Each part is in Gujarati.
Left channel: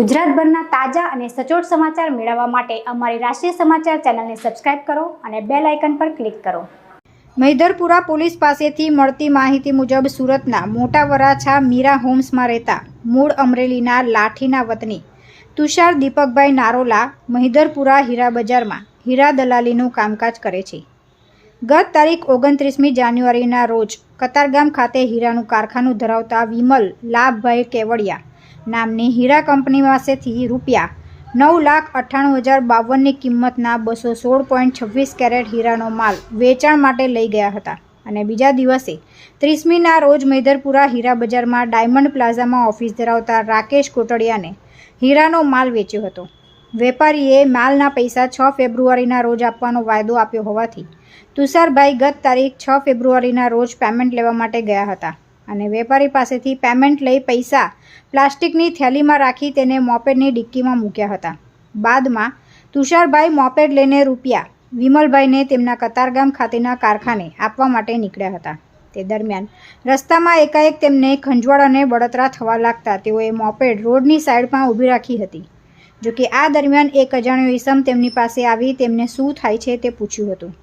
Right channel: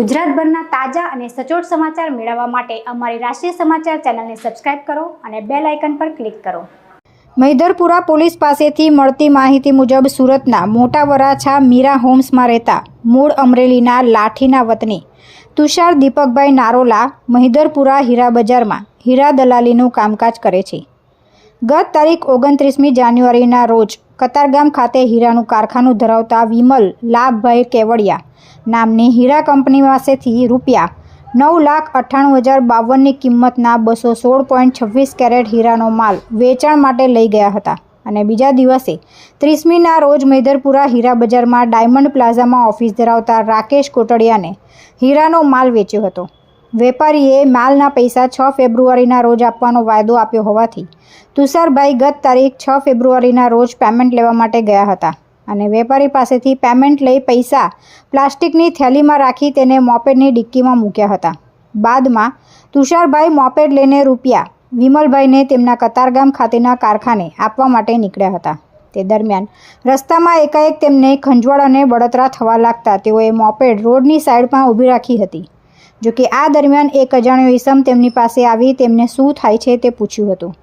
ગુજરાતભરના તાજા અને સચોટ સમાચાર મેળવવા માટે અમારી રાષ્ટ્રીય સમાચાર ચેનલને સબસ્ક્રાઇબ કરો અને બેલ આઇકન પર ક્લિક કરો। મહિધરપુરા પોલીસ પાસેથી મળતી માહિતી મુજબ સુરતના મોટા વરાછા મીરા હોમ્સમાં રહેતા મૂળ અમરેલીના લાઠીના વતની તુષાર દીપકભાઈ નારોલા મહિધરપુરા હીરા બજારમાં હીરા દલાલીનું કામકાજ કરે છે। ગત તારીખ 29મી જાન્યુઆરીના રોજ કતારગામ ખાતે હીરાનું કારખાનું ધરાવતા વિમલ લાભભાઈ કેવડિયા નામની હીરા કંપની પાસેથી રૂપિયા 9,98,052ની કિંમતના 216.26 કેરેટ હીરાનો માલ વેચાણ માટે લઈ ગયા હતા અને બીજા દિવસે 30મીના રોજ મહિધરપુરા હીરા બજારમાં ડાયમંડ પ્લાઝામાં ઓફિસ ધરાવતા રાકેશ કોટડિયાને હીરાનો માલ વેચ્યો હતો। વેપારીએ માલના પૈસા 6 ફેબ્રુઆરીના રોજ આપવાનો વાયદો આપ્યો હોવાથી તુષારભાઈ ગત તારીખ 6 ફેબ્રુઆરીના રોજ પેમેન્ટ લેવા માટે ગયા હતા અને વેપારી પાસેથી પેમેન્ટ લઈ પૈસા પ્લાસ્ટિકની થેલીમાં રાખી તેને મોપેડની ડિક્કીમાં મૂક્યા હતા। બાદમાં તુષારભાઈ મોપેડ લઈને રૂપિયા વિમલભાઈને તેમના કતારગામ ખાતેના કારખાને આપવા માટે નીકળ્યા હતા। તે દરમિયાન રસ્તામાં એકાએક તેમને ખંજવાળ અને બળતરા થવા લાગતા તેઓએ મોપેડ રોડની સાઈડમાં ઊભી રાખી હતી। જોકે આ દરમિયાન એક અજાણ્યો ઈસમ તેમની પાસે આવી તેમને શું થાય છે તે પૂછ્યું હતું।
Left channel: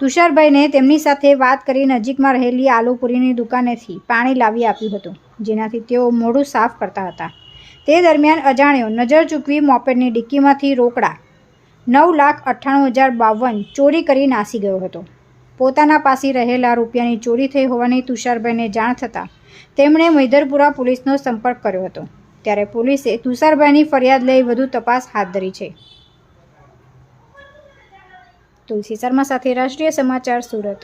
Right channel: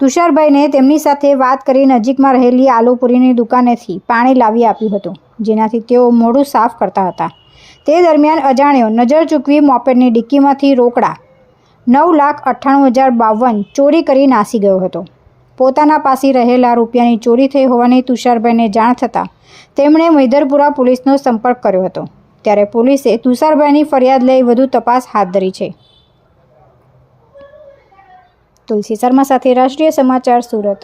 તુષારભાઈને તેમની સાથે વાત કરી નજીકમાં રહેલી આલુપુરીની દુકાનેથી પાણી લાવી આપ્યું હતું, જેનાથી તેઓ મોઢું સાફ કરતા હતા। તે દરમિયાન અજાણ્યો નજર ચૂકવી મોપેડની ડિક્કીમાંથી રોકડા 9,98,052 ચોરી કરી નાસી ગયો હતો। પોતાના પાસે રહેલા રૂપિયાની ચોરી થઈ હોવાની તુષારભાઈને જાણ થતાં તેમણે મહિધરપુરા પોલીસનો સંપર્ક કર્યો હતો। ત્યારે પોલીસે તુષારભાઈની ફરિયાદ લઈ વધુ તપાસ હાથ ધરી છે। તુલસી શર્મા સાથે રાષ્ટ્રીય સમાચાર સુરત।